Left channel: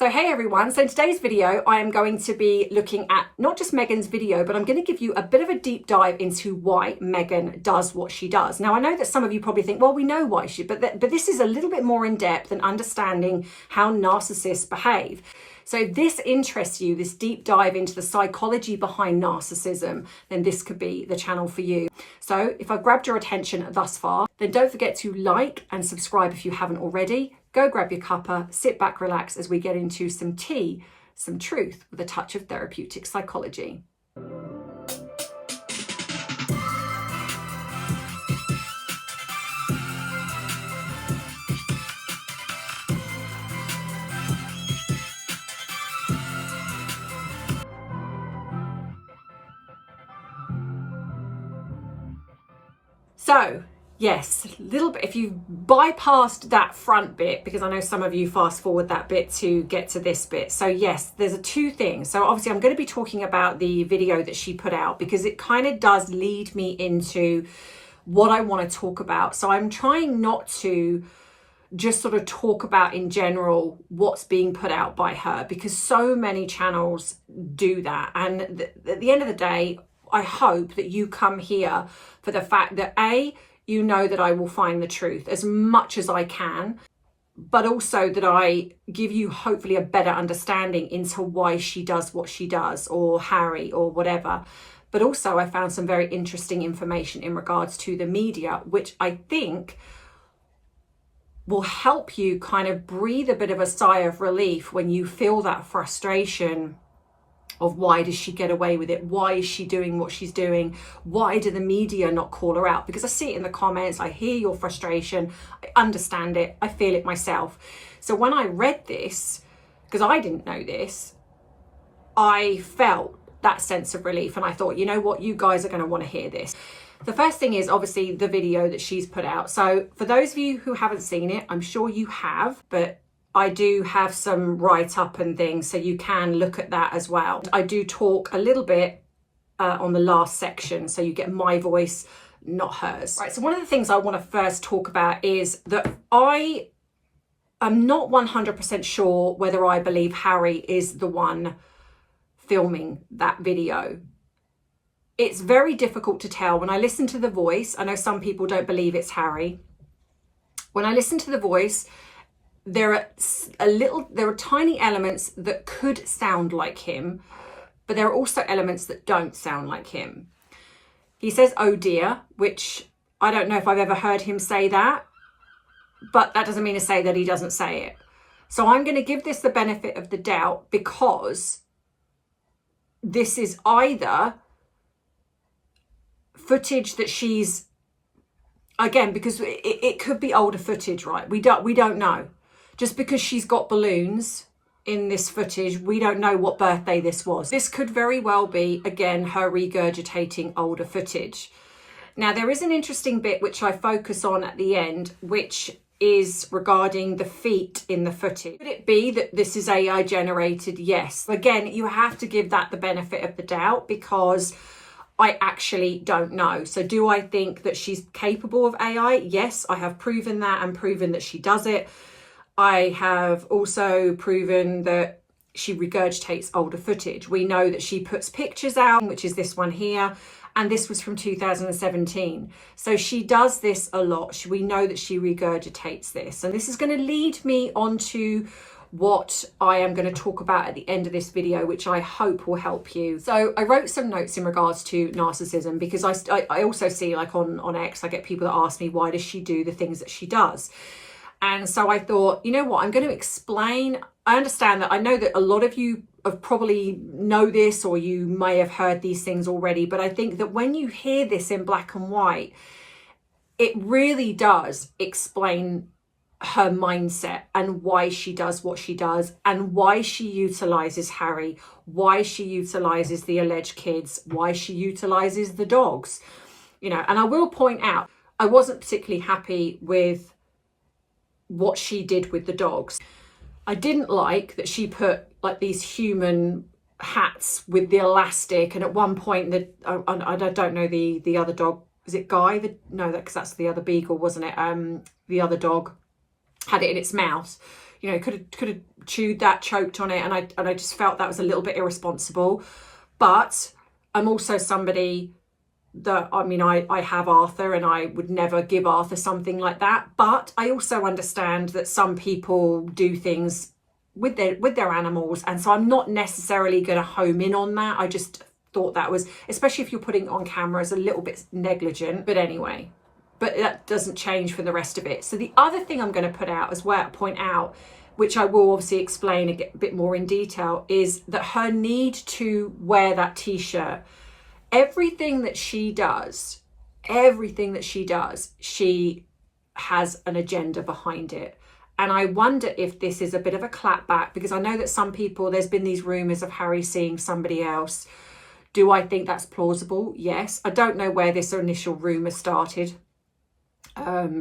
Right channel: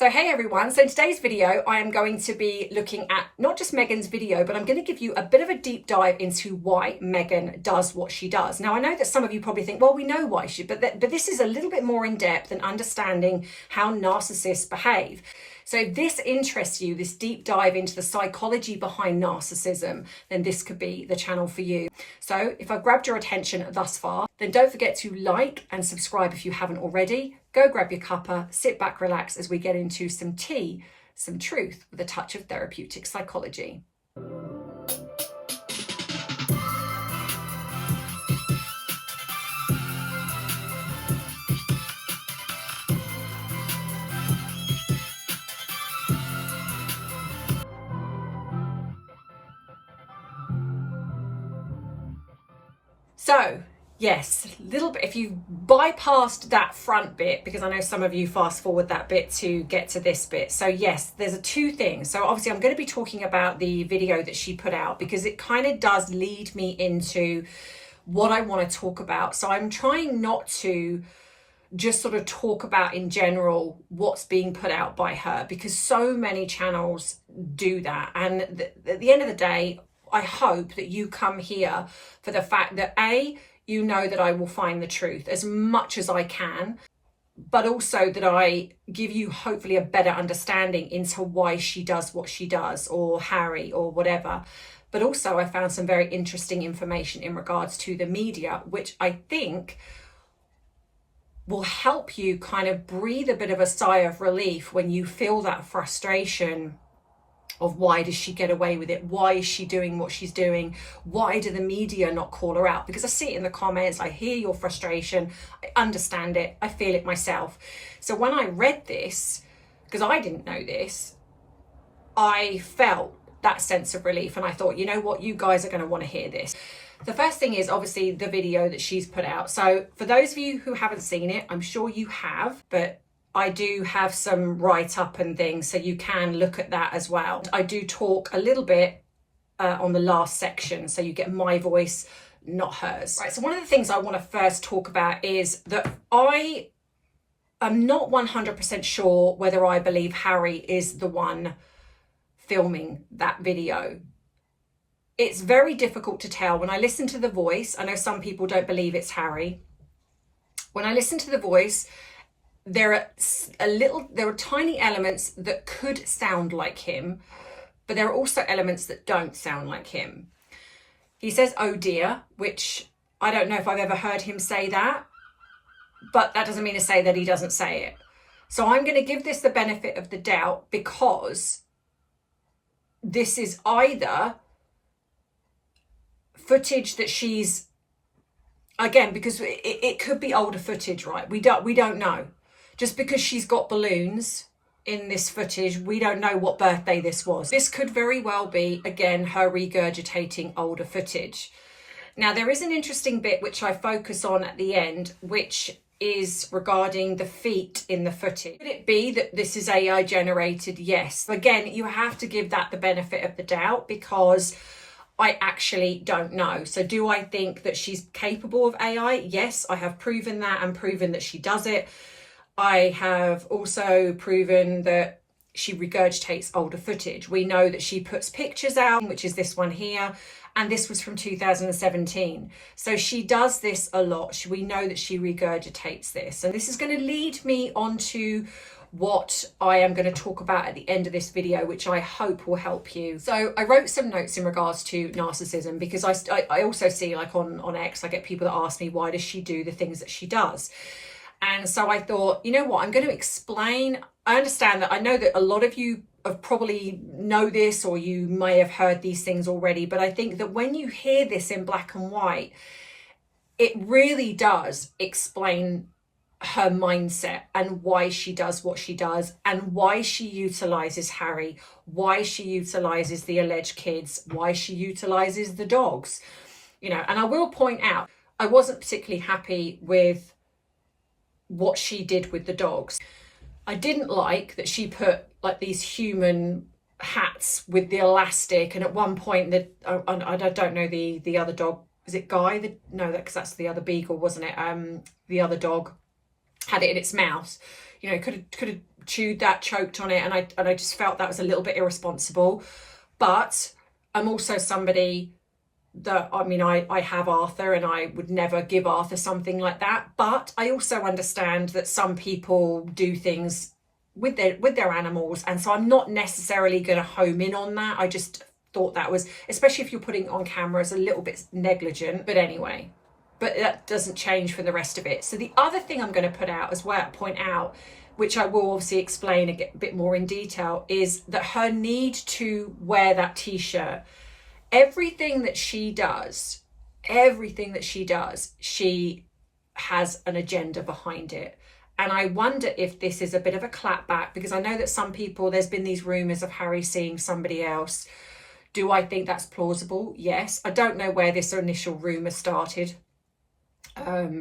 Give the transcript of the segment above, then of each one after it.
So hey everyone, so in today's video I am going to be looking at not just Megan's video, but I'm going to give you a bit of a deep dive into why Megan does what she does. Now I know that some of you probably think, well, we know why she, but this is a little bit more in depth and understanding how narcissists behave. So if this interests you, this deep dive into the psychology behind narcissism, then this could be the channel for you. So if I've grabbed your attention thus far, then don't forget to like and subscribe if you haven't already. Go grab your cuppa, sit back, relax as we get into some tea, some truth with a touch of therapeutic psychology. So, yes, a little bit, if you bypassed that front bit, because I know some of you fast forward that bit to get to this bit. So yes, there's two things. So obviously I'm going to be talking about the video that she put out because it kind of does lead me into what I want to talk about. So I'm trying not to just sort of talk about in general what's being put out by her, because so many channels do that. And at the end of the day, I hope that you come here for the fact that you know that I will find the truth as much as I can, but also that I give you hopefully a better understanding into why she does what she does, or Harry, or whatever. But also I found some very interesting information in regards to the media, which I think will help you kind of breathe a bit of a sigh of relief when you feel that frustration of why does she get away with it? Why is she doing what she's doing? Why do the media not call her out? Because I see it in the comments, I hear your frustration, I understand it, I feel it myself. So when I read this, because I didn't know this, I felt that sense of relief and I thought, you know what, you guys are going to want to hear this. The first thing is obviously the video that she's put out. So for those of you who haven't seen it, I'm sure you have, but I do have some write-up and things, so you can look at that as well. I do talk a little bit on the last section, so you get my voice, not hers. Right, so one of the things I want to first talk about is that I am not 100% sure whether I believe Harry is the one filming that video. It's very difficult to tell. When I listen to the voice, I know some people don't believe it's Harry. When I listen to the voice, there are tiny elements that could sound like him, but there are also elements that don't sound like him. He says, oh dear, which I don't know if I've ever heard him say that, but that doesn't mean to say that he doesn't say it. So I'm going to give this the benefit of the doubt, because this is either footage that she's, again, because it could be older footage, right? We don't know. Just because she's got balloons in this footage, we don't know what birthday this was. This could very well be, again, her regurgitating older footage. Now, there is an interesting bit which I focus on at the end, which is regarding the feet in the footage. Could it be that this is AI generated? Yes. Again, you have to give that the benefit of the doubt, because I actually don't know. So do I think that she's capable of AI? Yes, I have proven that and proven that she does it. I have also proven that she regurgitates older footage. We know that she puts pictures out, which is this one here, and this was from 2017. So she does this a lot. We know that she regurgitates this. And this is going to lead me on to what I am going to talk about at the end of this video, which I hope will help you. So I wrote some notes in regards to narcissism, because I also see, like on X, I get people that ask me, why does she do the things that she does? And so I thought, you know what, I'm going to explain. I understand that, I know that a lot of you have probably know this, or you may have heard these things already, but I think that when you hear this in black and white, it really does explain her mindset and why she does what she does, and why she utilizes Harry, why she utilizes the alleged kids, why she utilizes the dogs, you know. And I will point out, I wasn't particularly happy with what she did with the dogs. I didn't like that she put like these human hats with the elastic, and at one point that I don't know the other dog, is it Guy? No, because that's the other beagle, wasn't it? The other dog had it in its mouth. you know, could have chewed that, choked on it, and I just felt that was a little bit irresponsible. But I'm also somebody that, I mean, I have Arthur, and I would never give Arthur something like that. But I also understand that some people do things with their animals, and so I'm not necessarily going to home in on that. I just thought that was, especially if you're putting it on camera, is a little bit negligent. But anyway, but that doesn't change from the rest of it. So the other thing I'm going to point out, which I will obviously explain a bit more in detail, is that her need to wear that t-shirt, everything that she does, she has an agenda behind it. And I wonder if this is a bit of a clapback, because I know that some people, there's been these rumours of Harry seeing somebody else. Do I think that's plausible? Yes. I don't know where this initial rumour started.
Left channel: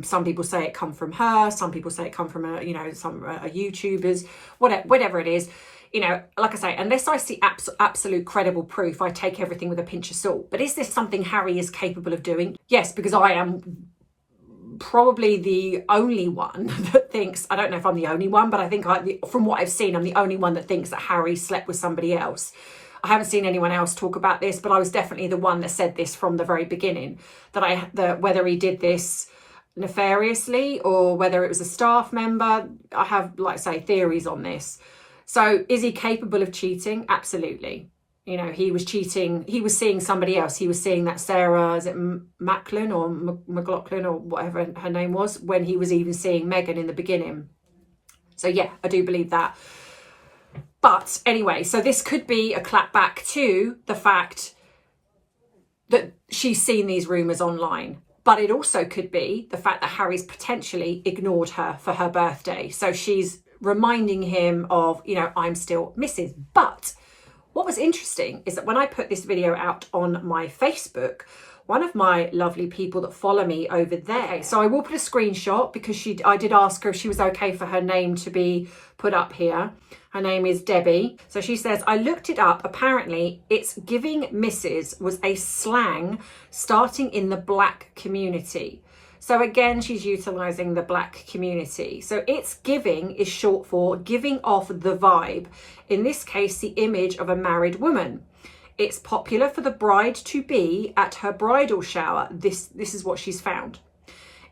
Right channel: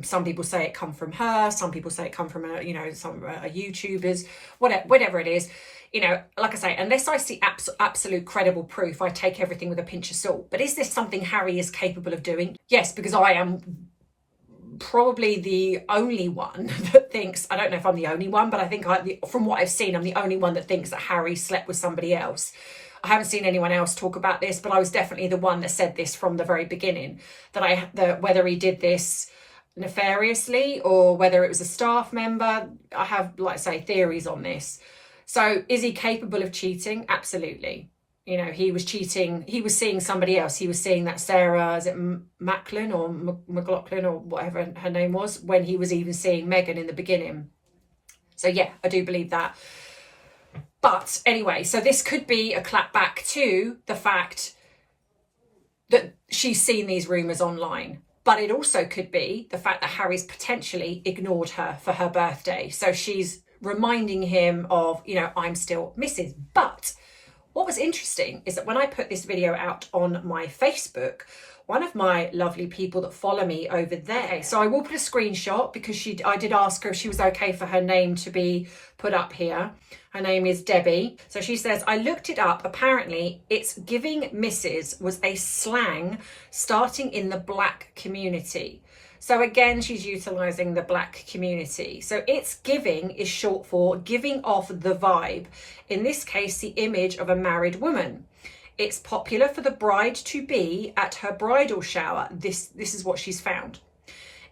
Some people say it come from her. Some people say it come from a YouTubers, whatever it is. You know, like I say, unless I see absolute credible proof, I take everything with a pinch of salt. But is this something Harry is capable of doing? Yes, because I am probably the only one that thinks, I don't know if I'm the only one, but I think from what I've seen, I'm the only one that thinks that Harry slept with somebody else. I haven't seen anyone else talk about this, but I was definitely the one that said this from the very beginning, that whether he did this nefariously or whether it was a staff member, I have, like I say, theories on this. So is he capable of cheating? Absolutely. You know, he was cheating. He was seeing somebody else. He was seeing that Sarah, is it Macklin or McLaughlin or whatever her name was, when he was even seeing Megan in the beginning. So yeah, I do believe that. But anyway, so this could be a clapback to the fact that she's seen these rumours online. But it also could be the fact that Harry's potentially ignored her for her birthday. So she's reminding him of, you know, I'm still Mrs. But what was interesting is that when I put this video out on my Facebook, one of my lovely people that follow me over there, so I will put a screenshot, because I did ask her if she was okay for her name to be put up here. Her name is Debbie. So she says, I looked it up. Apparently, it's giving Mrs. was a slang starting in the Black community. So again, she's utilising the Black community. So it's giving is short for giving off the vibe. In this case, the image of a married woman. It's popular for the bride-to-be at her bridal shower. This is what she's found.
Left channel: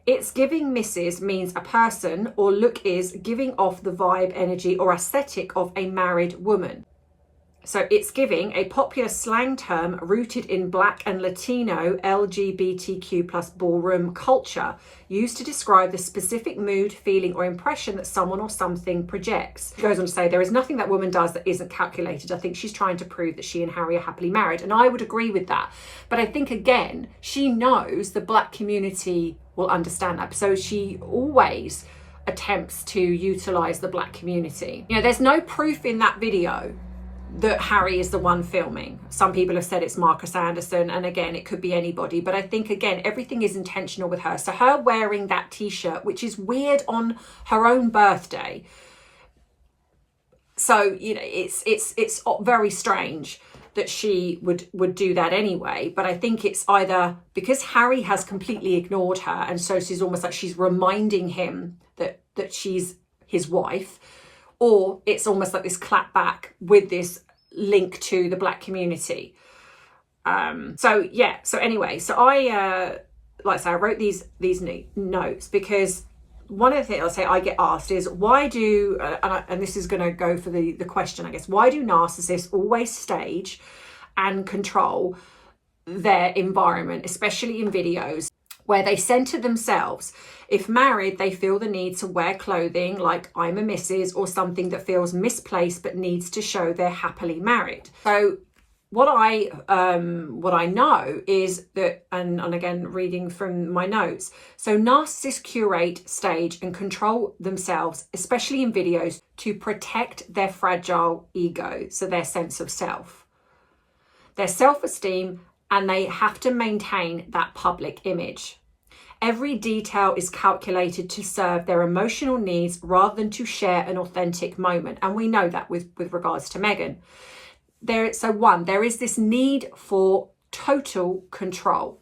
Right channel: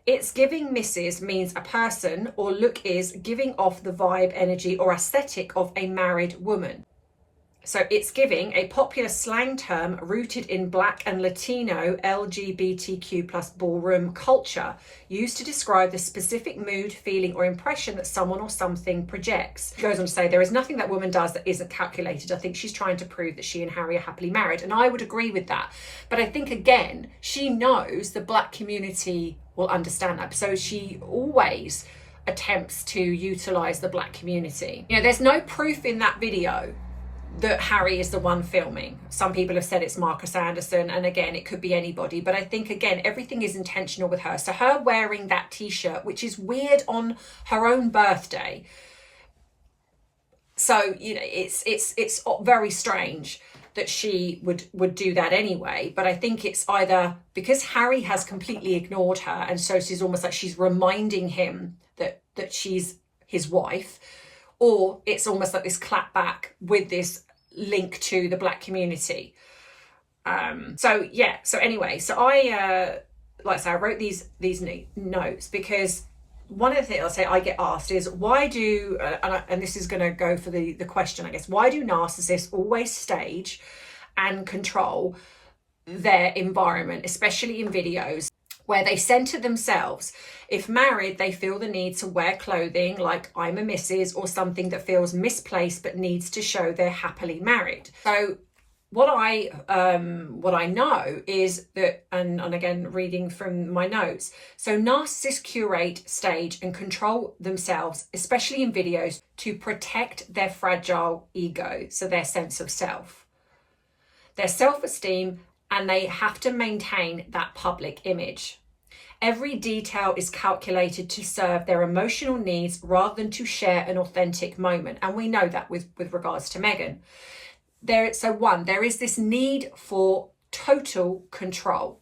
It's giving Mrs. means a person or look is giving off the vibe, energy or aesthetic of a married woman. So it's giving, a popular slang term rooted in Black and Latino LGBTQ plus ballroom culture, used to describe the specific mood, feeling or impression that someone or something projects. She goes on to say, there is nothing that woman does that isn't calculated. I think she's trying to prove that she and Harry are happily married. And I would agree with that. But I think, again, she knows the Black community will understand that. So she always attempts to utilise the Black community. You know, there's no proof in that video that Harry is the one filming. Some people have said it's Marcus Anderson, and again, it could be anybody. But I think, again, everything is intentional with her. So her wearing that t-shirt, which is weird on her own birthday. So, you know, it's very strange that she would do that anyway. But I think it's either because Harry has completely ignored her, and so she's almost like she's reminding him that she's his wife, or it's almost like this clapback with this link to the Black community. So yeah, so anyway, so I like I say, I wrote these notes because one of the things I'll say I get asked is, why do and this is going to go for the question, I guess, why do narcissists always stage and control their environment, especially in videos where they center themselves? If married, they feel the need to wear clothing like I'm a Mrs. or something that feels misplaced but needs to show they're happily married. So what I know is that, and again, reading from my notes, so narcissists curate, stage and control themselves, especially in videos, to protect their fragile ego, so their sense of self, their self-esteem, and they have to maintain that public image. Every detail is calculated to serve their emotional needs rather than to share an authentic moment. And we know that with regards to Megan. There is this need for total control.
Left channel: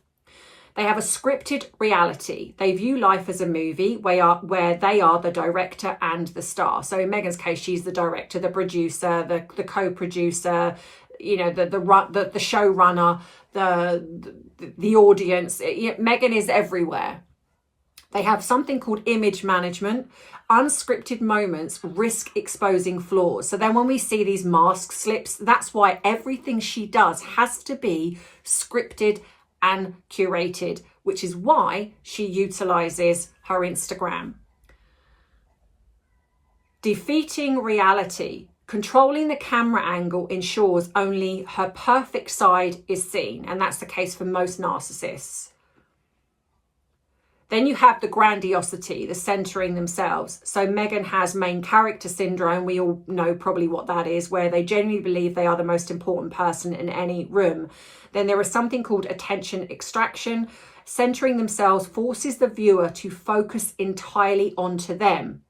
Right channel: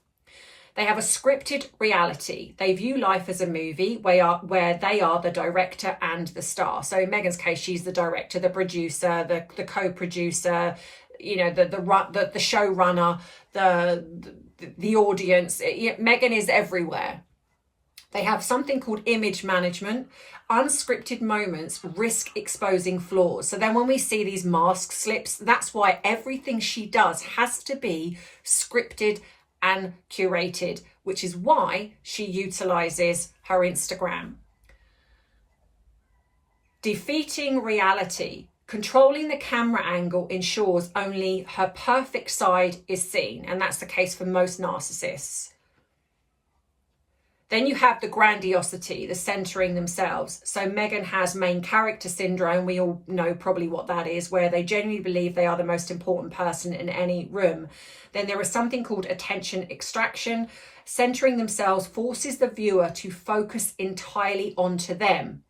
They have a scripted reality. They view life as a movie where they are the director and the star. So in Megan's case, she's the director, the producer, the co-producer, you know, the showrunner, the audience. Meghan is everywhere. They have something called image management, unscripted moments, risk exposing flaws. So then when we see these mask slips, that's why everything she does has to be scripted and curated, which is why she utilizes her Instagram. Defeating reality. Controlling the camera angle ensures only her perfect side is seen, and that's the case for most narcissists. Then you have the grandiosity, the centering themselves. So Meghan has main character syndrome. We all know probably what that is, where they genuinely believe they are the most important person in any room. Then there is something called attention extraction. Centering themselves forces the viewer to focus entirely onto them.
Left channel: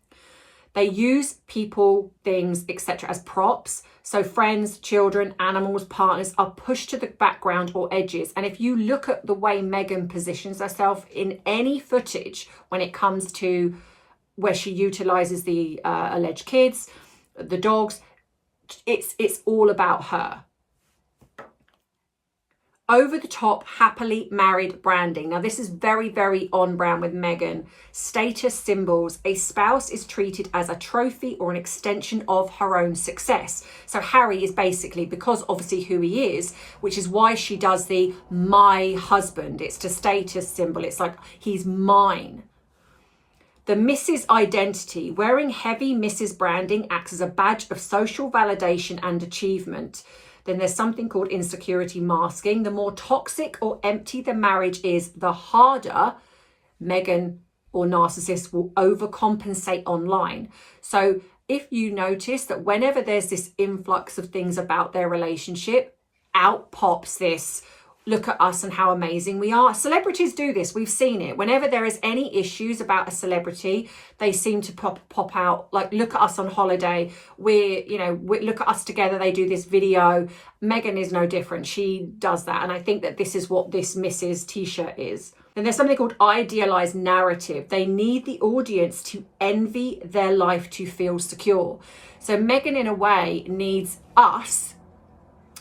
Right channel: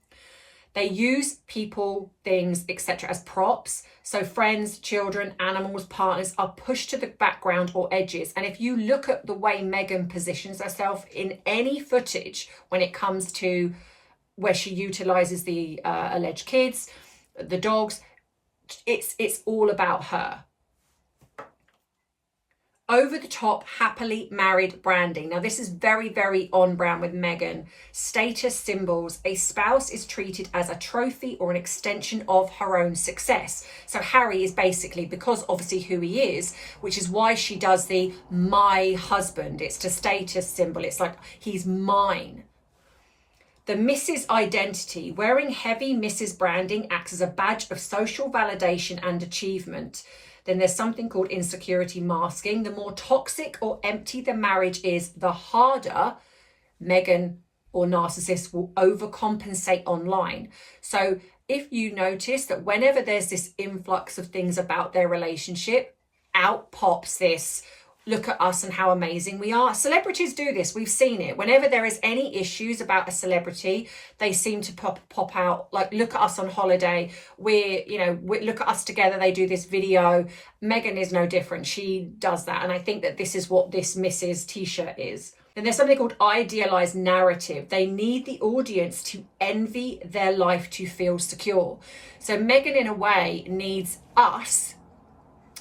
They use people, things, etc. as props. So friends, children, animals, partners are pushed to the background or edges. And if you look at the way Meghan positions herself in any footage when it comes to where she utilizes the alleged kids, the dogs, it's all about her. Over the top, happily married branding. Now, this is very, very on brand with Meghan. Status symbols. A spouse is treated as a trophy or an extension of her own success. So Harry is basically, because obviously who he is, which is why she does the my husband. It's the status symbol. It's like, he's mine. The Mrs. identity. Wearing heavy Mrs. branding acts as a badge of social validation and achievement. Then there's something called insecurity masking. The more toxic or empty the marriage is, the harder Meghan or narcissists will overcompensate online. So if you notice that whenever there's this influx of things about their relationship, out pops this, look at us and how amazing we are. Celebrities do this. We've seen it. Whenever there is any issues about a celebrity, they seem to pop out, like, look at us on holiday. Look at us together. They do this video. Meghan is no different. She does that. And I think that this is what this Mrs. t-shirt is. Then there's something called idealized narrative. They need the audience to envy their life to feel secure. So Meghan, in a way, needs us,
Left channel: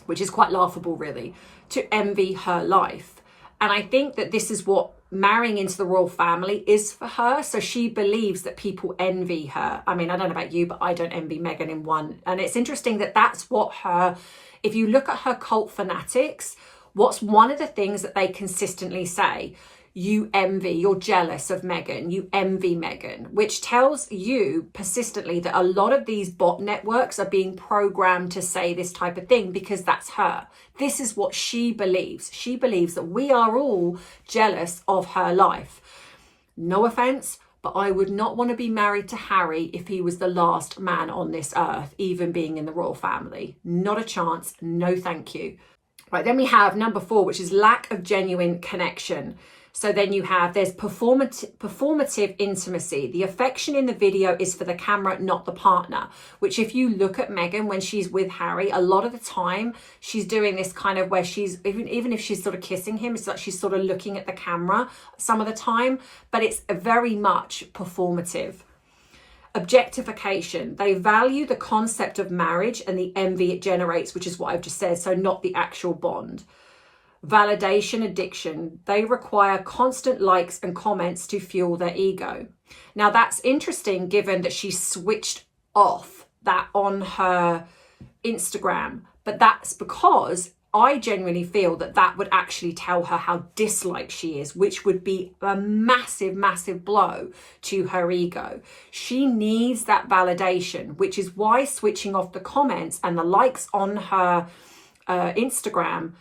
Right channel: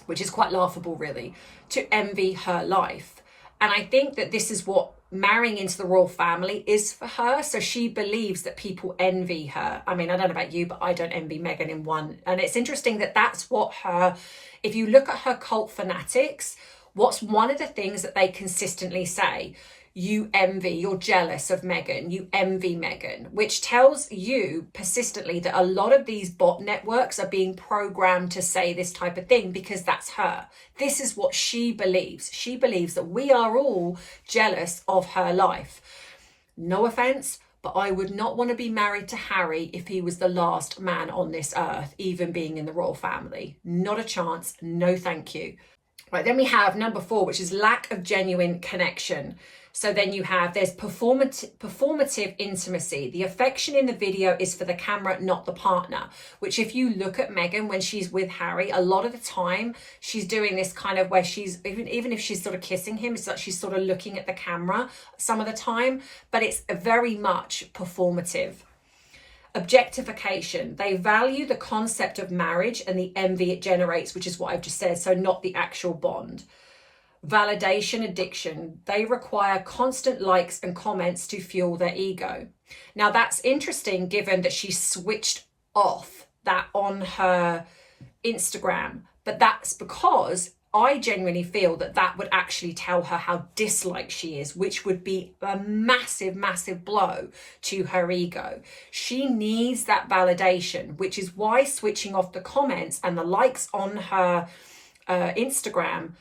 which is quite laughable, really, to envy her life. And I think that this is what marrying into the royal family is for her. So she believes that people envy her. I mean, I don't know about you, but I don't envy Meghan in one. And it's interesting that that's what if you look at her cult fanatics, what's one of the things that they consistently say? You envy, you're jealous of Meghan, you envy Meghan, which tells you persistently that a lot of these bot networks are being programmed to say this type of thing because that's her. This is what she believes. She believes that we are all jealous of her life. No offense, but I would not want to be married to Harry if he was the last man on this earth, even being in the royal family. Not a chance. No, thank you. Right, then we have number 4, which is lack of genuine connection. So then you have, there's performative intimacy. The affection in the video is for the camera, not the partner, which if you look at Meghan when she's with Harry, a lot of the time she's doing this kind of where she's, even if she's sort of kissing him, it's like she's sort of looking at the camera some of the time, but it's very much performative. Objectification. They value the concept of marriage and the envy it generates, which is what I've just said, so not the actual bond. Validation addiction. They require constant likes and comments to fuel their ego. Now that's interesting given that she switched off that on her Instagram, but that's because I genuinely feel that that would actually tell her how disliked she is, which would be a massive, massive blow to her ego. She needs that validation, which is why switching off the comments and the likes on her Instagram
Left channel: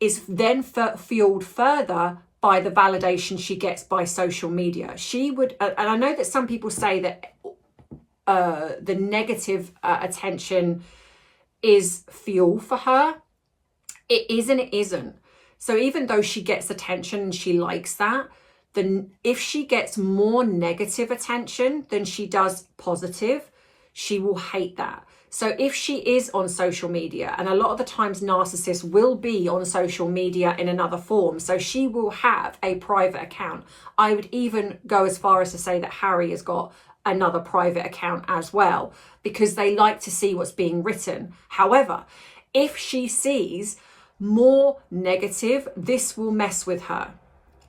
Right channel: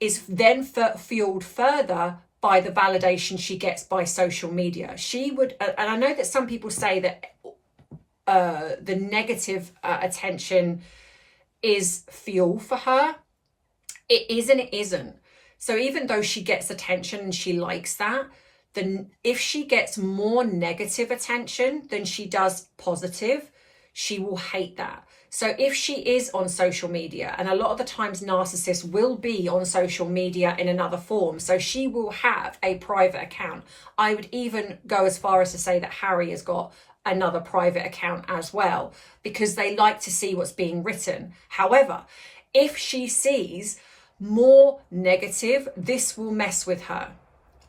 is then fueled further by the validation she gets by social media. She would, and I know that some people say that the negative attention is fuel for her. It is and it isn't. So even though she gets attention and she likes that, then if she gets more negative attention than she does positive, she will hate that. So if she is on social media, and a lot of the times narcissists will be on social media in another form, so she will have a private account. I would even go as far as to say that Harry has got another private account as well, because they like to see what's being written. However, if she sees more negative, this will mess with her.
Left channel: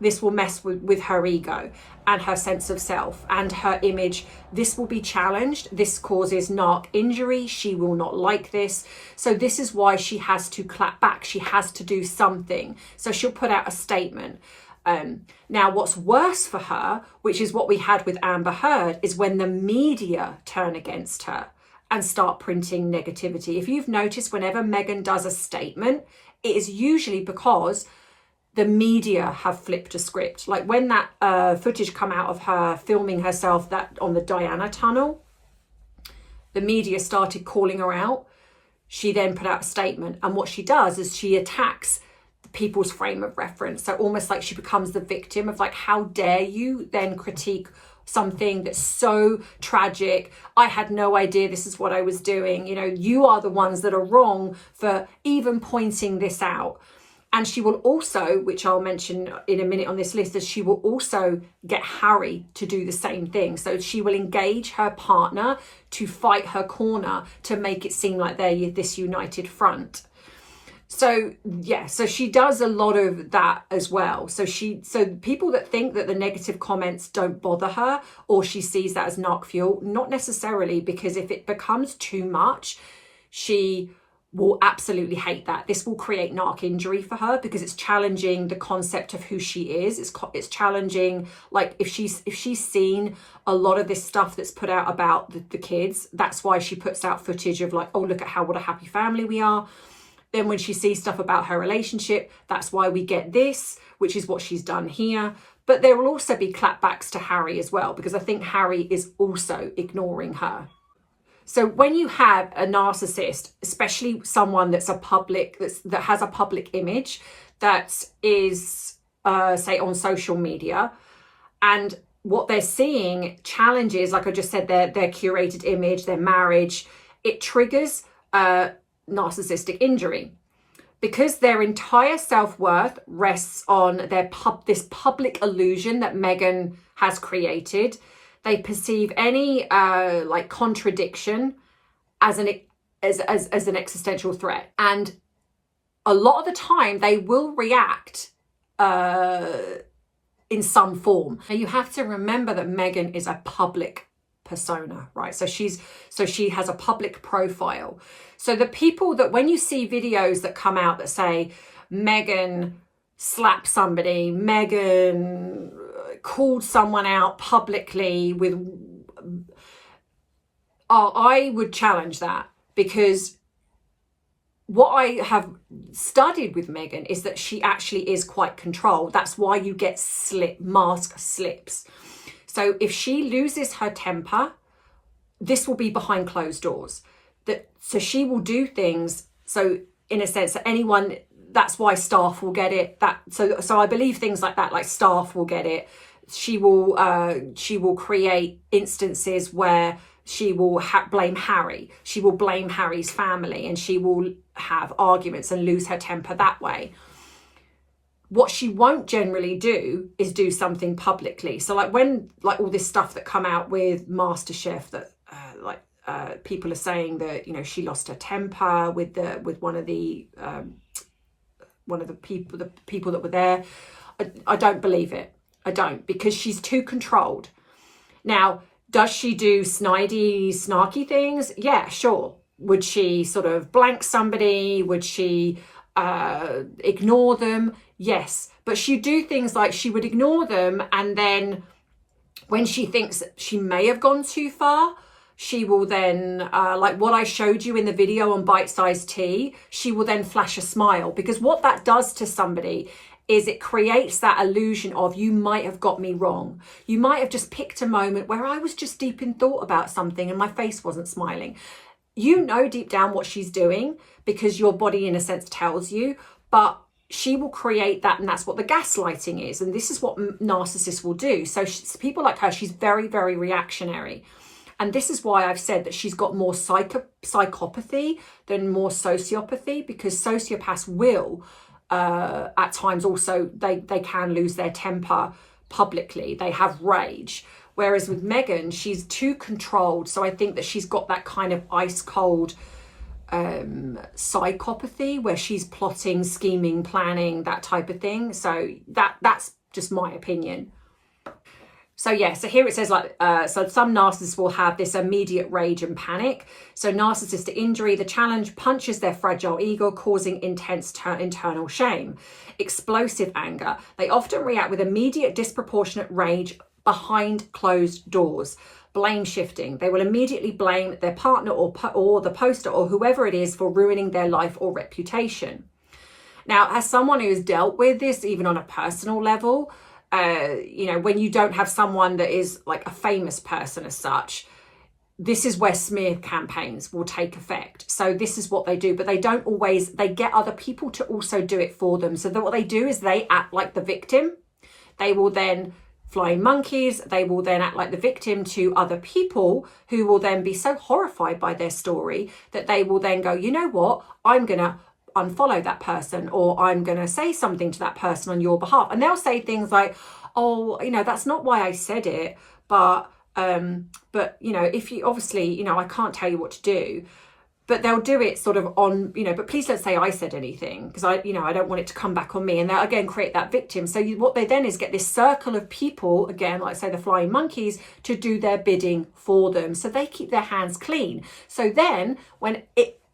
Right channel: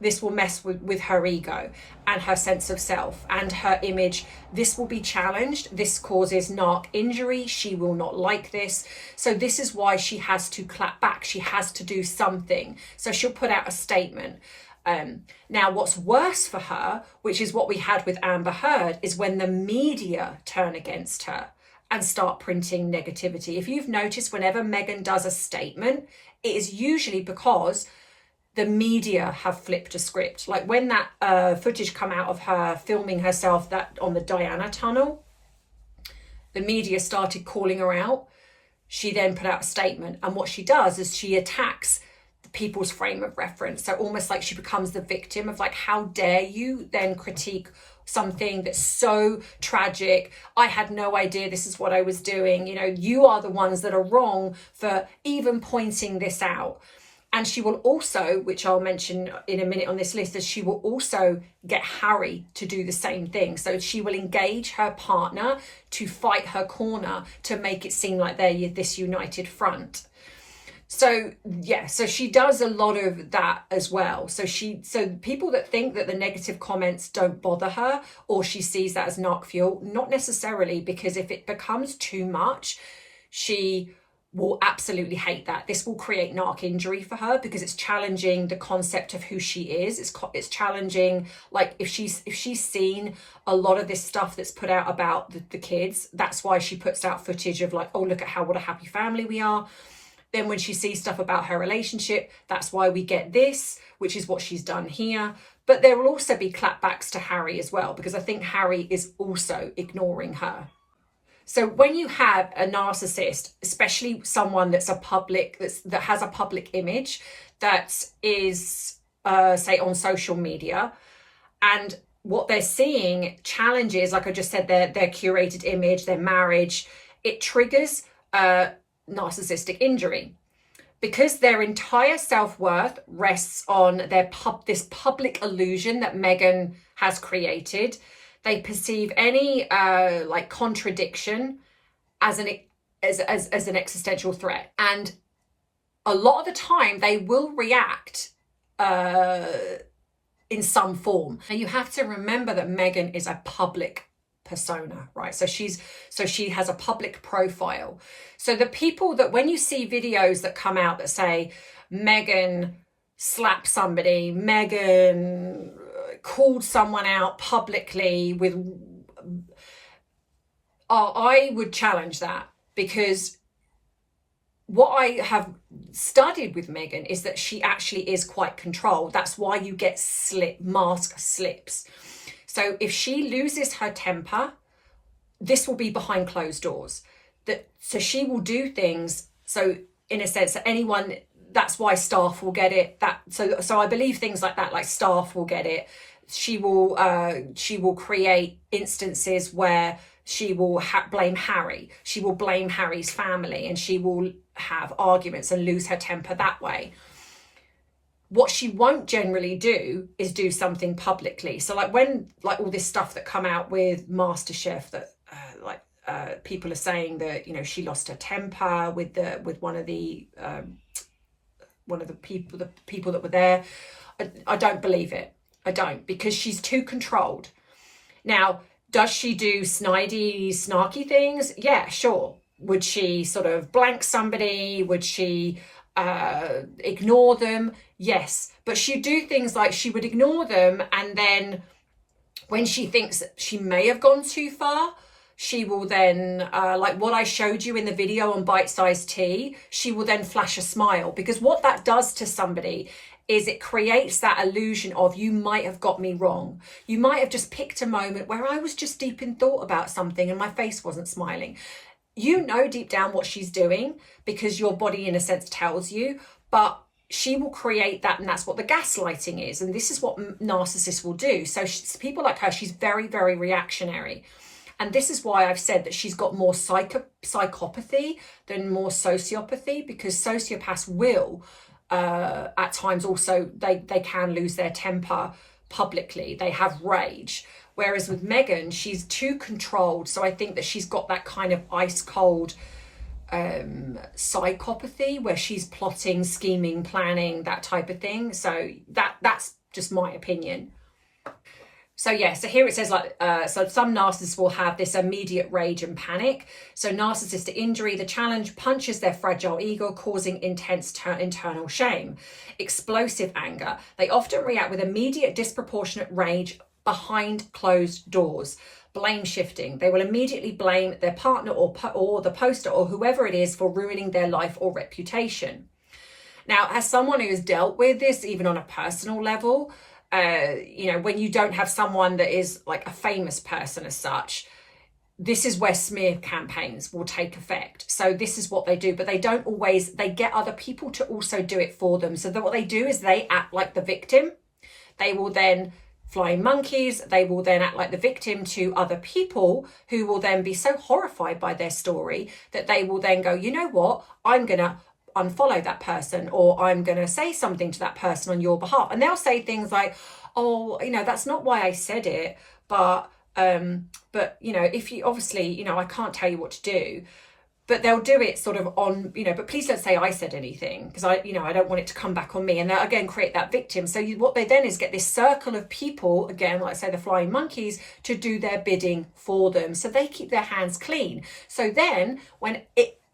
This will mess with her ego and her sense of self and her image. This will be challenged. This causes narc injury. She will not like this. So this is why she has to clap back. She has to do something. So she'll put out a statement. Now, what's worse for her, which is what we had with Amber Heard, is when the media turn against her and start printing negativity. If you've noticed, whenever Meghan does a statement, it is usually because the media have flipped a script. Like when that footage come out of her filming herself that on the Diana tunnel, the media started calling her out. She then put out a statement, and what she does is she attacks the people's frame of reference. So almost like she becomes the victim of like, how dare you then critique something that's so tragic. I had no idea this is what I was doing. You know, you are the ones that are wrong for even pointing this out. And she will also, which I'll mention in a minute on this list, is she will also get Harry to do the same thing. So she will engage her partner to fight her corner to make it seem like they're this united front. So yeah, so she does a lot of that as well. So people that think that the negative comments don't bother her, or she sees that as narc fuel, not necessarily, because if it becomes too much, she will absolutely hate that. This will create narc injury for her because it's challenging the concept of who she is. It's challenging, like if she's seen a lot of this stuff that's put out about the kids, that's why she puts out footage of like, oh, look at what a happy family we are. Then when she sees stuff about her relationship, that's why we get this, which is what she's done here. But there will also be clapbacks to Harry as well, because I think Harry is also ignoring her. So when you have a narcissist, especially someone that's that has a public image, that is, say, on social media, and what they're seeing challenges, like I just said, their curated image, their marriage, it triggers narcissistic injury, because their entire self-worth rests on this public illusion that Meghan has created. They perceive any like contradiction as an existential threat, and a lot of the time they will react in some form. Now you have to remember that Meghan is a public persona, right? So she has a public profile. So the people that, when you see videos that come out that say Meghan slapped somebody, Meghan called someone out publicly with, I would challenge that, because what I have studied with Meghan is that she actually is quite controlled. That's why you get mask slips. So if she loses her temper, this will be behind closed doors. So she will do things. So in a sense, anyone, that's why staff will get it. So I believe things like that, like staff will get it. She will create instances where she will blame Harry. She will blame Harry's family, and she will have arguments and lose her temper that way. What she won't generally do is do something publicly. So like when all this stuff that come out with MasterChef, that people are saying that, you know, she lost her temper with one of the people that were there. I don't believe it. I don't, because she's too controlled. Now, does she do snarky things? Yeah, sure. Would she sort of blank somebody? Would she ignore them? Yes. But she'd do things like she would ignore them, and then when she thinks that she may have gone too far, she will then, like what I showed you in the video on BiteSize Tea, she will then flash a smile, because what that does to somebody is it creates that illusion of, you might have got me wrong. You might have just picked a moment where I was just deep in thought about something and my face wasn't smiling. You know deep down what she's doing, because your body in a sense tells you, but she will create that, and that's what the gaslighting is. And this is what narcissists will do. So people like her, she's very, very reactionary. And this is why I've said that she's got more psychopathy than more sociopathy, because sociopaths will at times also, they can lose their temper publicly. They have rage. Whereas with Meghan, she's too controlled. So I think that she's got that kind of ice cold psychopathy where she's plotting, scheming, planning, that type of thing. So that's just my opinion. So yeah, so here it says like, so some narcissists will have this immediate rage and panic. So narcissistic injury, the challenge punches their fragile ego, causing intense internal shame. Explosive anger, they often react with immediate disproportionate rage behind closed doors. Blame shifting, they will immediately blame their partner or the poster or whoever it is for ruining their life or reputation. Now, as someone who has dealt with this, even on a personal level, you know, when you don't have someone that is like a famous person as such, this is where smear campaigns will take effect. So this is what they do, but they don't always, they get other people to also do it for them. So that what they do is they act like the victim. They will then flying monkeys, they will then act like the victim to other people who will then be so horrified by their story that they will then go, you know what, I'm gonna unfollow that person, or I'm going to say something to that person on your behalf. And they'll say things like, oh, you know, that's not why I said it, but you know, if you obviously, you know, I can't tell you what to do, but they'll do it sort of on, you know, but please don't say I said anything, because I, you know, I don't want it to come back on me. And they'll again create that victim. So what they then is get this circle of people, again, like say the flying monkeys, to do their bidding for them. So they keep their hands clean. So then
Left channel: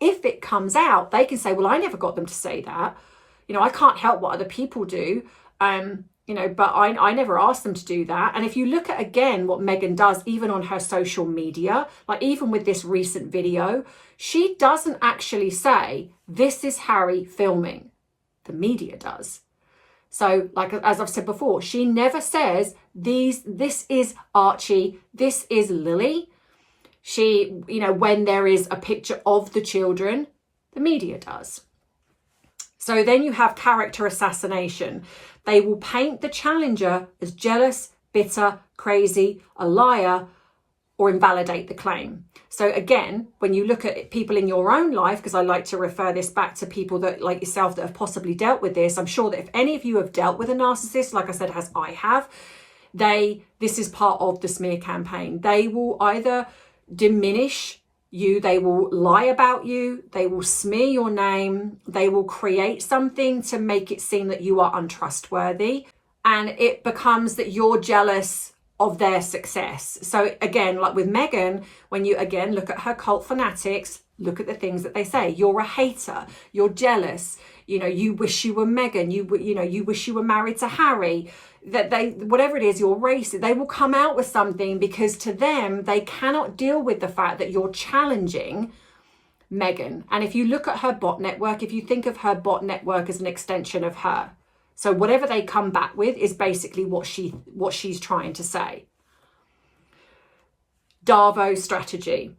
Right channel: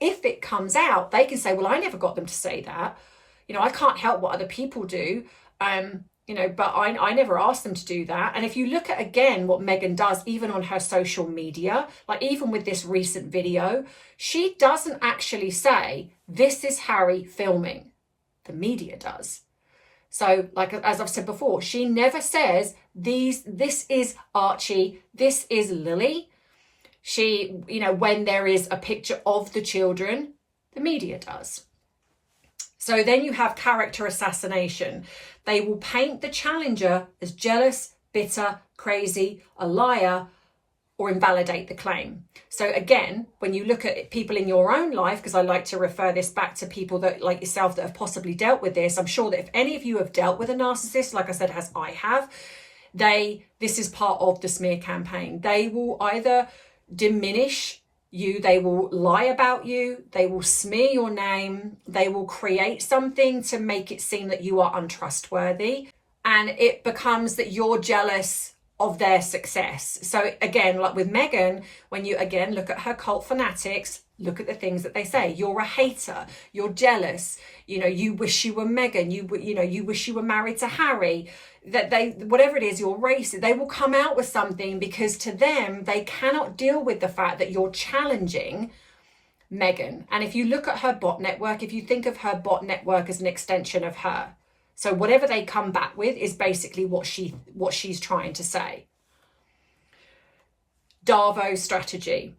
if it comes out, they can say, well, I never got them to say that. You know, I can't help what other people do. You know, but I never asked them to do that. And if you look at, again, what Meghan does, even on her social media, like even with this recent video, she doesn't actually say, this is Harry filming. The media does. So like, as I've said before, she never says, this is Archie, this is Lily. She, you know, when there is a picture of the children, the media does. So then you have character assassination. They will paint the challenger as jealous, bitter, crazy, a liar, or invalidate the claim. So again, when you look at people in your own life, because I like to refer this back to people that like yourself that have possibly dealt with this, I'm sure that if any of you have dealt with a narcissist, like I said, as I have, this is part of the smear campaign. They will either diminish you, they will lie about you, they will smear your name, they will create something to make it seem that you are untrustworthy, and it becomes that you're jealous of their success. So again, like with Meghan, when you again look at her cult fanatics, look at the things that they say. You're a hater, you're jealous, you know, you wish you were Meghan, you wish you were married to Harry, that they, whatever it is, you're racist, they will come out with something, because to them, they cannot deal with the fact that you're challenging Meghan. And if you look at her bot network, if you think of her bot network as an extension of her, so whatever they come back with is basically what she's trying to say. Darvo strategy.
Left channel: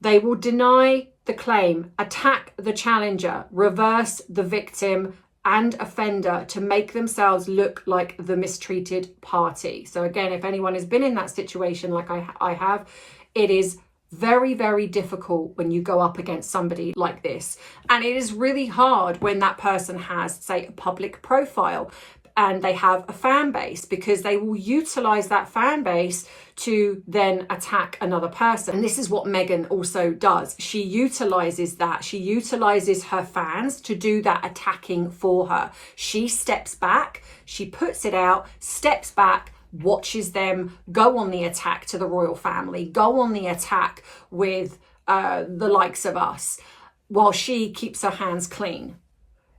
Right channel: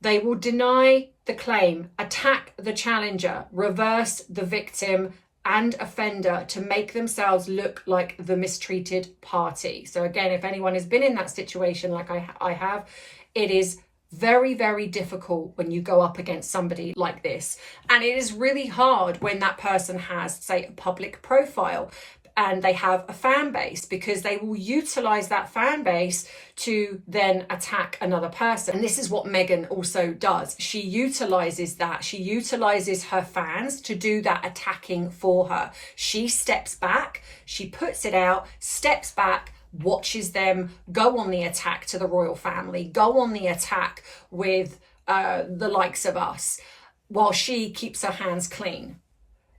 They will deny the claim, attack the challenger, reverse the victim and offender to make themselves look like the mistreated party. So again, if anyone has been in that situation like I have, it is very, very difficult when you go up against somebody like this. And it is really hard when that person has, say, a public profile and they have a fan base, because they will utilize that fan base to then attack another person. And this is what Meghan also does. She utilizes that. She utilizes her fans to do that attacking for her. She steps back, she puts it out, steps back, watches them go on the attack to the royal family, go on the attack with the likes of us, while she keeps her hands clean.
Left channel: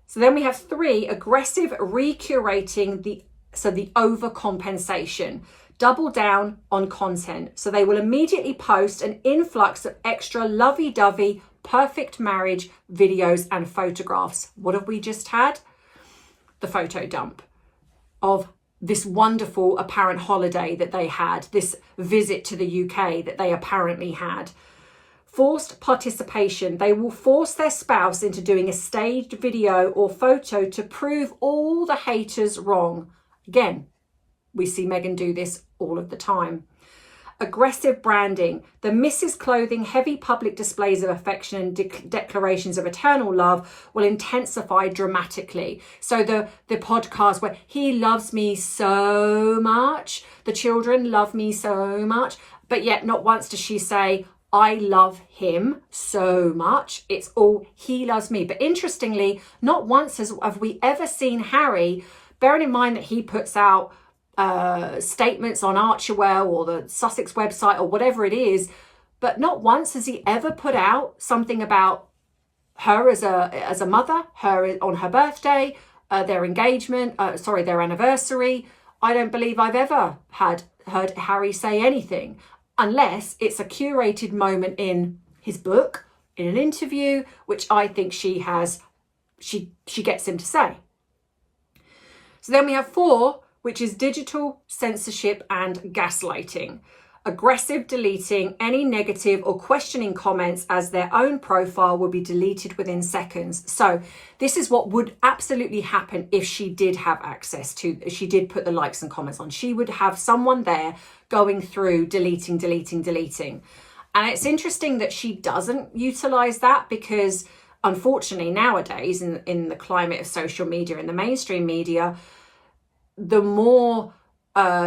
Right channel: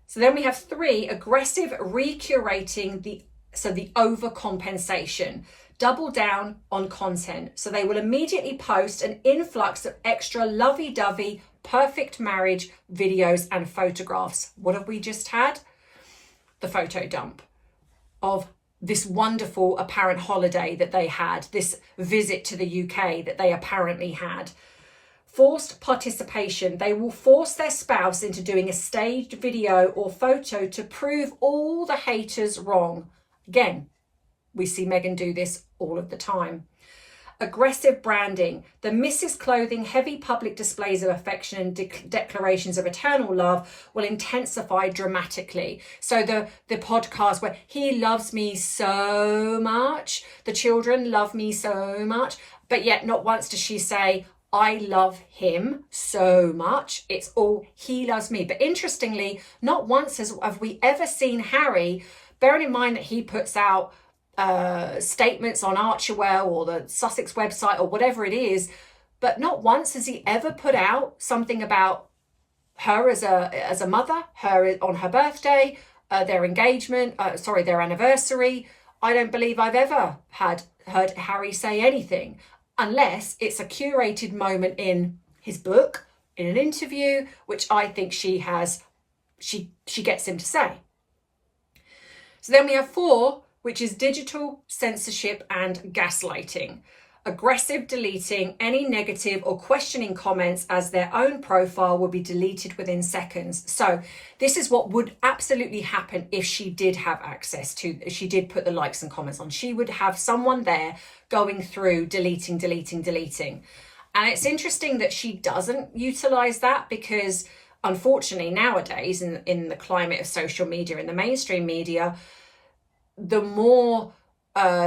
So then we have 3, aggressive recurating, the overcompensation. Double down on content. So they will immediately post an influx of extra lovey-dovey, perfect marriage videos and photographs. What have we just had? The photo dump of this wonderful apparent holiday that they had, this visit to the UK that they apparently had. Forced participation. They will force their spouse into doing a staged video or photo to prove all the haters wrong. Again, we see Meghan do this all of the time. Aggressive branding, the Mrs. Clothing, heavy public displays of affection and declarations of eternal love will intensify dramatically. So the podcast where he loves me so much, the children love me so much, but yet not once does she say, I love him so much. It's all he loves me. But interestingly, not once have we ever seen Harry, bearing in mind that he puts out statements on Archewell or the Sussex website or whatever it is, but not once has he ever put out something about her as a mother, her on her birthday, their engagement, their anniversary. I don't believe I've ever heard Harry say anything, unless it's a curated moment in his book, in an interview, which I think she gets him to say. So then we have 4, which is digital censorship and gaslighting. Aggressive deleting any negative or questioning comments, as their own profile will be deleted within seconds. So this is what would absolutely happen if she did have access to, she did put the likes and comments on. She would have someone there going through deleting. And it's interesting that she doesn't utilize that, because unfortunately nowadays in the climate of social media, in the mainstream media, the more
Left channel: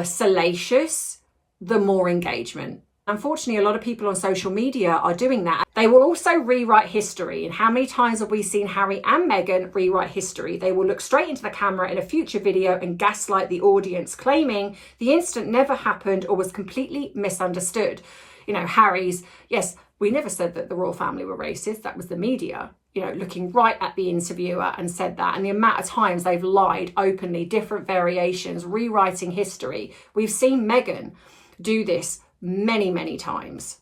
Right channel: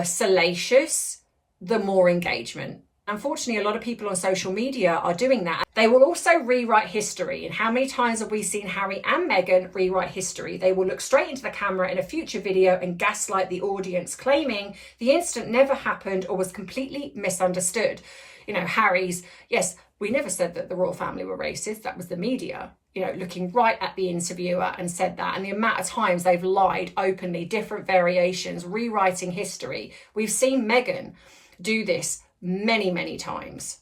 salacious, the more engagement. Unfortunately, a lot of people on social media are doing that. They will also rewrite history. And how many times have we seen Harry and Meghan rewrite history? They will look straight into the camera in a future video and gaslight the audience, claiming the incident never happened or was completely misunderstood. You know, Harry's, yes, we never said that the royal family were racist. That was the media, you know, looking right at the interviewer and said that. And the amount of times they've lied openly, different variations, rewriting history. We've seen Meghan do this many times.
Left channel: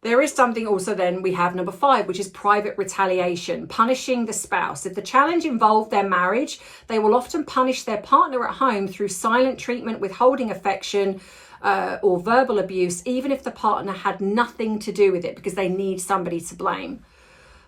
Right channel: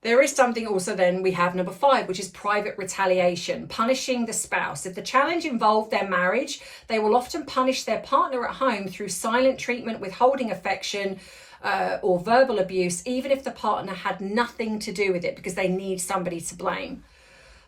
There is something also then we have number 5, which is private retaliation, punishing the spouse. If the challenge involved their marriage, they will often punish their partner at home through silent treatment, withholding affection, or verbal abuse, even if the partner had nothing to do with it, because they need somebody to blame.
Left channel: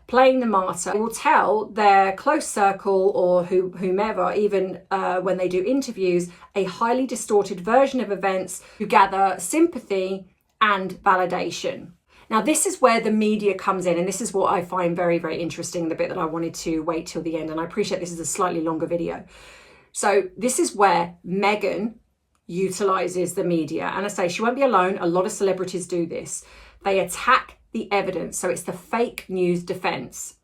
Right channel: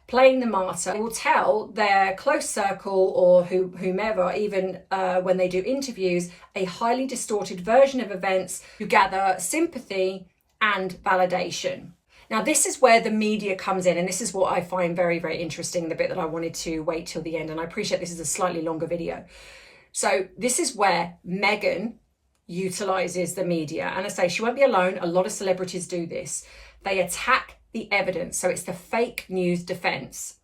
Playing the martyr. They will tell their close circle or whomever, even when they do interviews, a highly distorted version of events to gather sympathy and validation. Now, this is where the media comes in, and this is what I find very interesting, the bit that I wanted to wait till the end, and I appreciate this is a slightly longer video. So this is where Meghan utilizes the media, and I say she won't be alone. A lot of celebrities do this. They attack the evidence, so it's the fake news defense.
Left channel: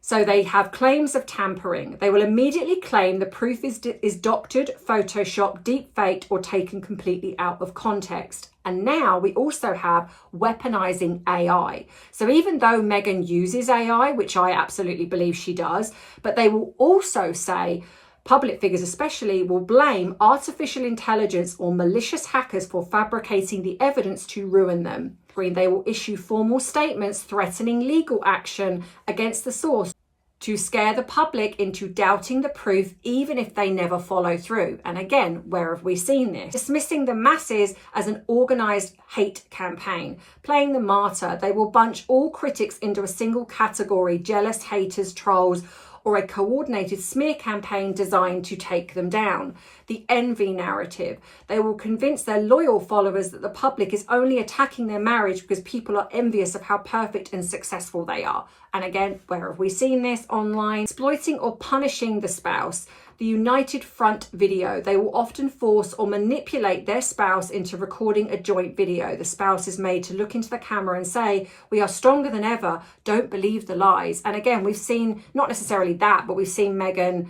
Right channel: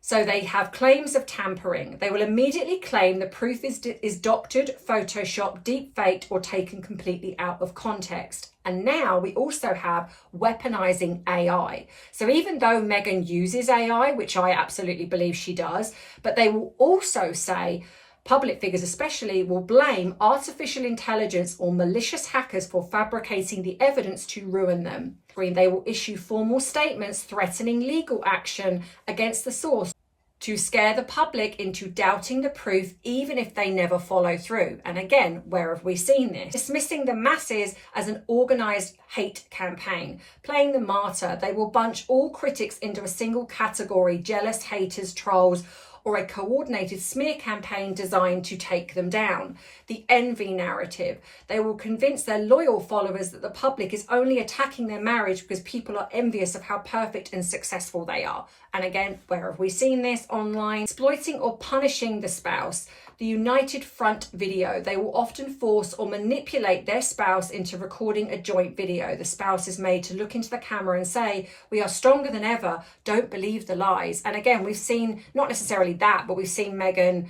So they have claims of tampering. They will immediately claim the proof is doctored, photoshopped, deep faked, or taken completely out of context. And now we also have weaponizing AI. So even though Meghan uses AI, which I absolutely believe she does, but they will also say, public figures especially, will blame artificial intelligence or malicious hackers for fabricating the evidence to ruin them. They will issue formal statements threatening legal action against the source to scare the public into doubting the proof, even if they never follow through. And again, where have we seen this? Dismissing the masses as an organized hate campaign. Playing the martyr. They will bunch all critics into a single category: jealous, haters, trolls, or a coordinated smear campaign designed to take them down. The envy narrative. They will convince their loyal followers that the public is only attacking their marriage because people are envious of how perfect and successful they are. And again, where have we seen this online? Exploiting or punishing the spouse. The united front video. They will often force or manipulate their spouse into recording a joint video. The spouse is made to look into the camera and say, "We are stronger than ever. Don't believe the lies." And again, we've seen not necessarily that, but we've seen Meghan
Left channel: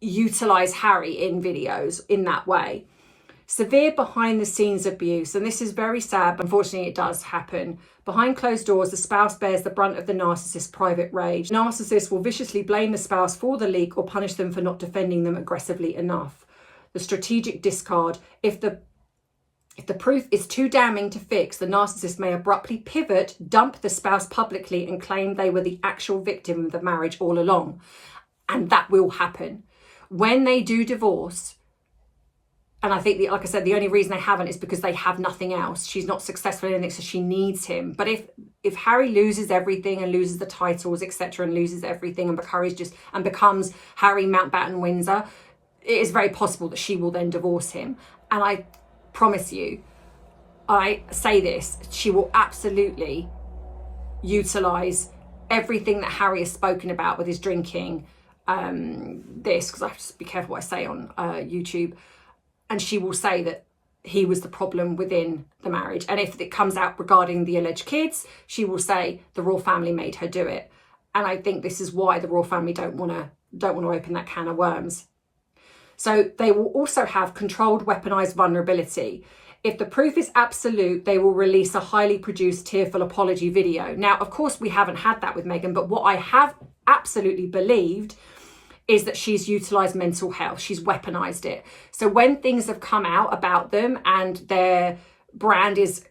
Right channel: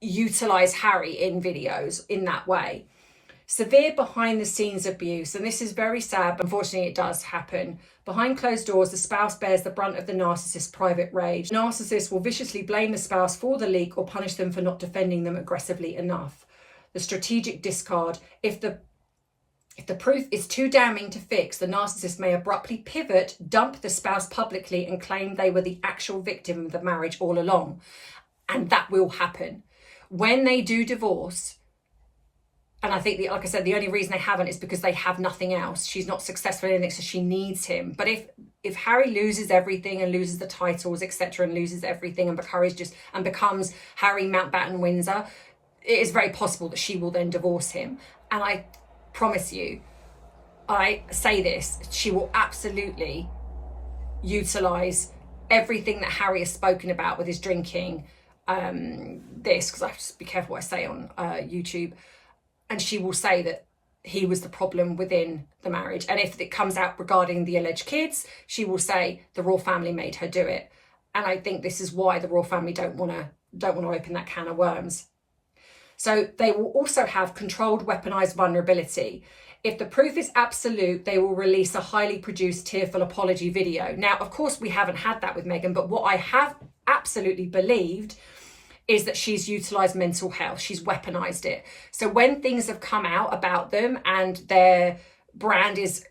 utilize Harry in videos in that way. Severe behind the scenes abuse. And this is very sad, but unfortunately it does happen. Behind closed doors, the spouse bears the brunt of the narcissist's private rage. The narcissist will viciously blame the spouse for the leak or punish them for not defending them aggressively enough. The strategic discard. If the proof is too damning to fix, the narcissist may abruptly pivot, dump the spouse publicly, and claim they were the actual victim of the marriage all along. And that will happen. When they do divorce, and I think, like I said, the only reason they haven't is because they have nothing else. She's not successful in anything, so she needs him. But if Harry loses everything and loses the titles, etc., and loses everything and becomes Harry Mountbatten Windsor, it is very possible that she will then divorce him. And promise you, I say this, she will absolutely utilize everything that Harry has spoken about with his drinking, this, because I have to be careful what I say on YouTube, and she will say that he was the problem within the marriage. And if it comes out regarding the alleged kids, she will say the royal family made her do it. And I think this is why the royal family don't want to open that can of worms. So they will also have controlled weaponized vulnerability. If the proof is absolute, they will release a highly produced tearful apology video. Now, of course, we haven't had that with Meghan, but what I have absolutely believed is that she's utilized mental health. She's weaponized it. So when things have come out about them and their brand is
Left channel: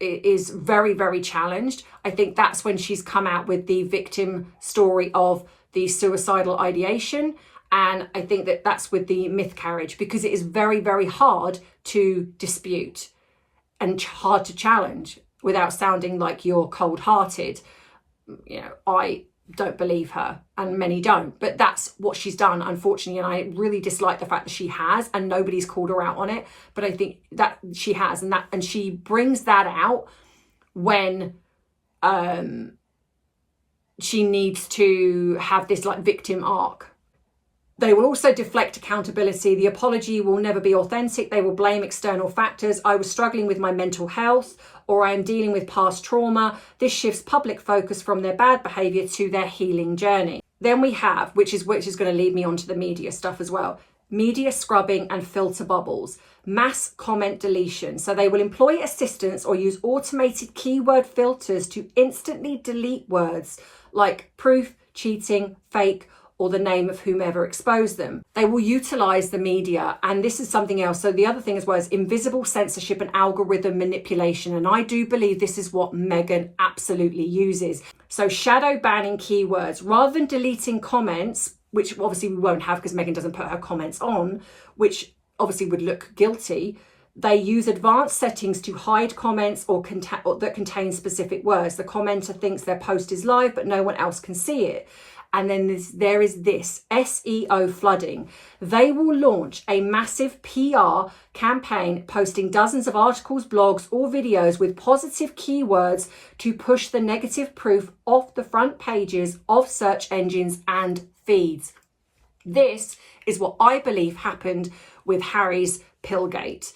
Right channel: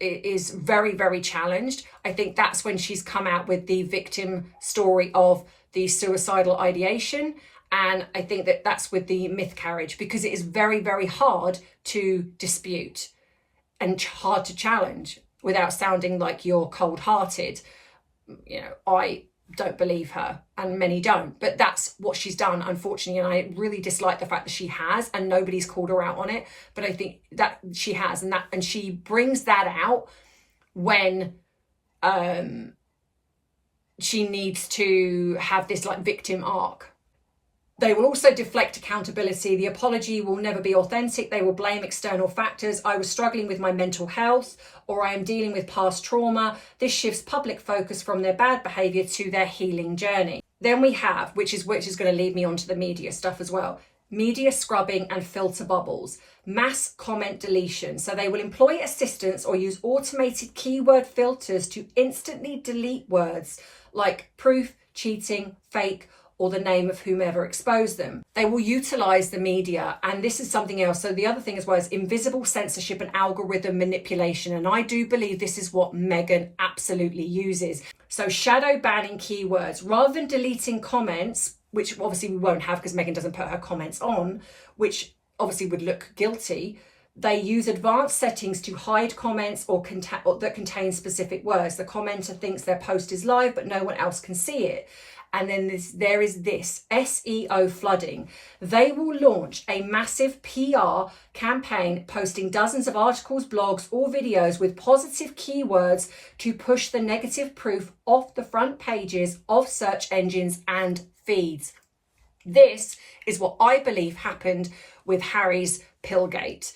very, very challenged, I think that's when she's come out with the victim story of the suicidal ideation. And I think that that's with the miscarriage, because it is very, very hard to dispute and hard to challenge without sounding like you're cold-hearted. You know, I don't believe her, and many don't, but that's what she's done, unfortunately. And I really dislike the fact that she has, and nobody's called her out on it, but I think that she has, and she brings that out when she needs to have this like victim arc. They will also deflect accountability. The apology will never be authentic. They will blame external factors. I was struggling with my mental health, or I am dealing with past trauma. This shifts public focus from their bad behaviour to their healing journey. Then we have, which is going to lead me on to the media stuff as well, media scrubbing and filter bubbles, mass comment deletion. So they will employ assistants or use automated keyword filters to instantly delete words like proof, cheating, fake, or the name of whomever exposed them. They will utilize the media, and this is something else. So the other thing as well is invisible censorship and algorithm manipulation, and I do believe this is what Meghan absolutely uses. So shadow banning keywords, rather than deleting comments, which obviously we won't have because Meghan doesn't put her comments on, which obviously would look guilty. They use advanced settings to hide comments or that contain specific words. The commenter thinks their post is live, but no one else can see it. And then there is this SEO flooding. They will launch a massive PR campaign posting dozens of articles, blogs, or videos with positive keywords to push the negative proof off the front pages of search engines and feeds. This is what I believe happened with Harry's Pillgate.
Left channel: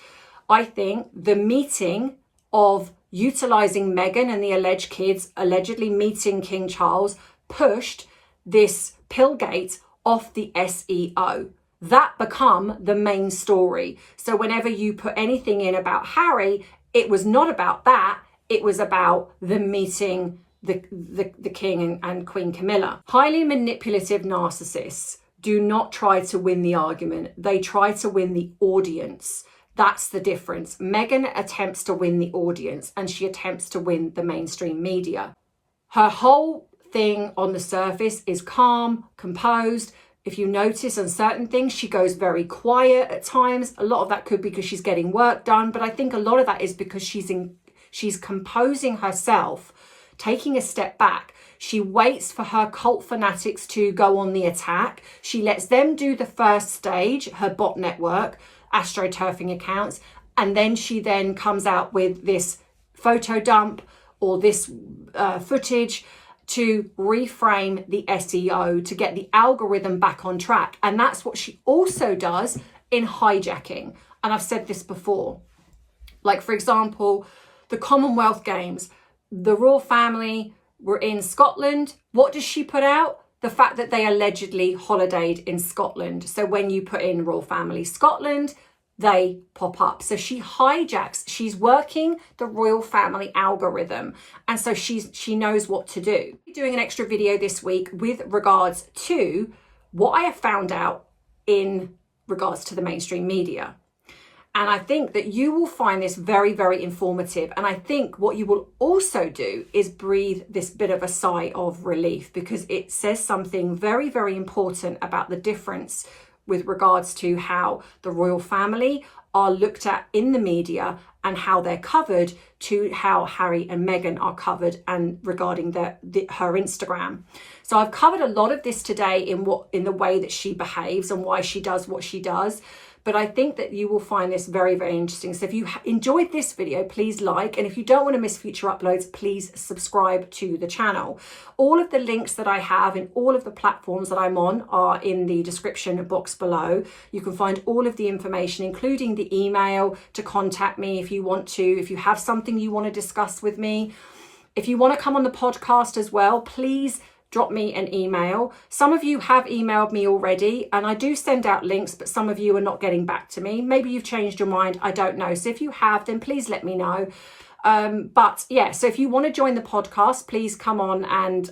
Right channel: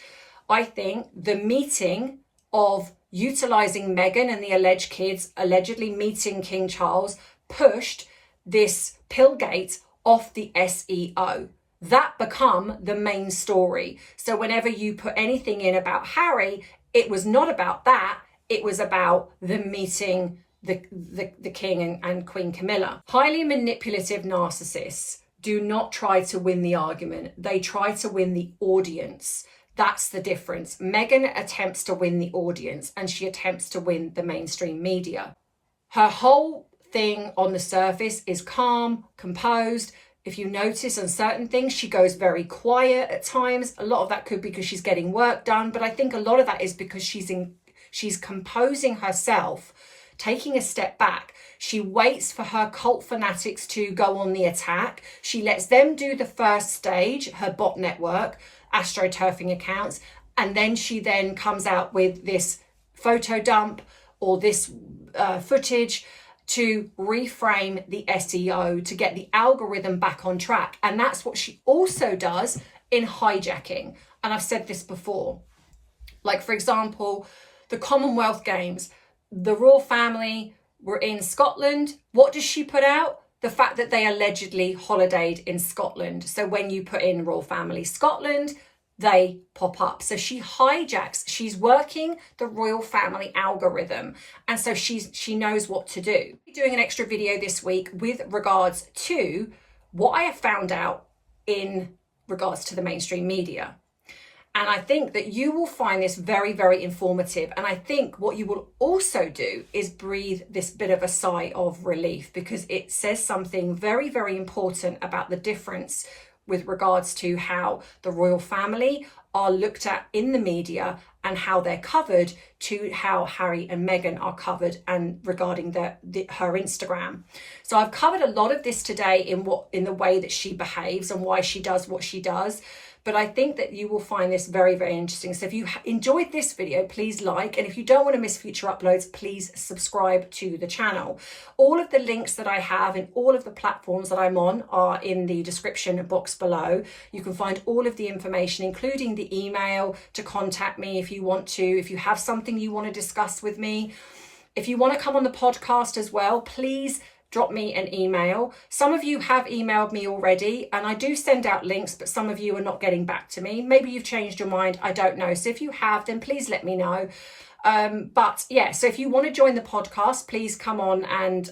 I think the meeting of utilising Meghan and the alleged kids allegedly meeting King Charles pushed this Pillgate off the SEO. That become the main story. So whenever you put anything in about Harry, it was not about that. It was about the meeting the King and Queen Camilla. Highly manipulative narcissists do not try to win the argument. They try to win the audience. That's the difference. Meghan attempts to win the audience, and she attempts to win the mainstream media. Her whole thing on the surface is calm, composed. If you notice on certain things, she goes very quiet at times. A lot of that could be because she's getting work done, but I think a lot of that is because she's composing herself, taking a step back. She waits for her cult fanatics to go on the attack. She lets them do the first stage, her bot network, astroturfing accounts, and then she then comes out with this photo dump or this footage to reframe the SEO, to get the algorithm back on track. And that's what she also does in hijacking. And I've said this before, like for example, the Commonwealth Games, the royal family were in Scotland. What does she put out? The fact that they allegedly holidayed in Scotland. So when you put in royal family Scotland, they pop up. So she hijacks, she's working the royal family algorithm. And so she knows what to do. I'm doing an extra video this week with regards to what I have found out in regards to the mainstream media. And I think that you will find this very, very informative. And I think what you will also do is breathe this bit of a sigh of relief, because it says something very, very important about the difference with regards to how the royal family are looked at in the media and how they're covered, to how Harry and Meghan are covered, and regarding her Instagram. So I've covered a lot of this today in the way that she behaves and why she does what she does. but I think that you will find this very, very interesting. So if you enjoyed this video, please like, and if you don't want to miss future uploads, please subscribe to the channel. All of the links that I have in all of the platforms that I'm on are in the description box below. You can find all of the information, including the email to contact me if you want to, if you have something you want to discuss with me. If you want to come on the podcast as well, please drop me an email. Some of you have emailed me already, and I do send out links, but some of you are not getting back to me. Maybe you've changed your mind, I don't know. So if you have, then please let me know. But yeah, so if you want to join the podcast, please come on and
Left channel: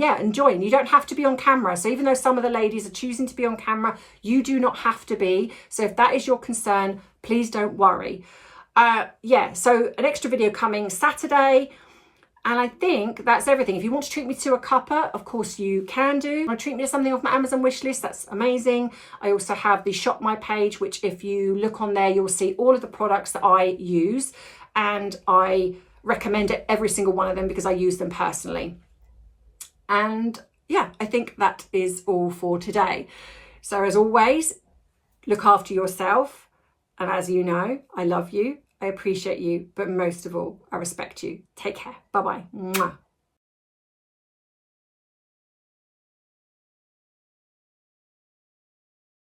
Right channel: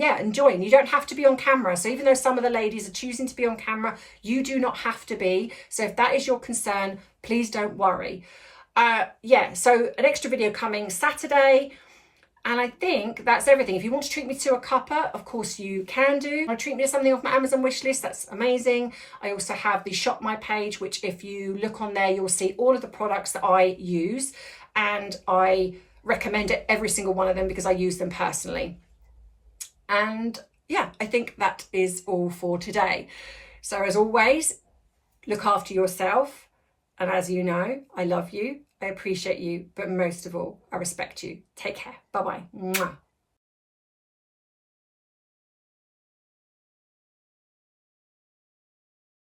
yeah, and join. You don't have to be on camera. So even though some of the ladies are choosing to be on camera, you do not have to be. So if that is your concern, please don't worry. Yeah, so an extra video coming Saturday. And I think that's everything. If you want to treat me to a cuppa, of course you can do. Or treat me to something off my Amazon wish list, that's amazing. I also have the ShopMy page, which if you look on there, you'll see all of the products that I use. And I recommend every single one of them because I use them personally. And yeah, I think that is all for today. So as always, look after yourself. And as you know, I love you. I appreciate you, but most of all, I respect you. Take care. Bye-bye. Mwah.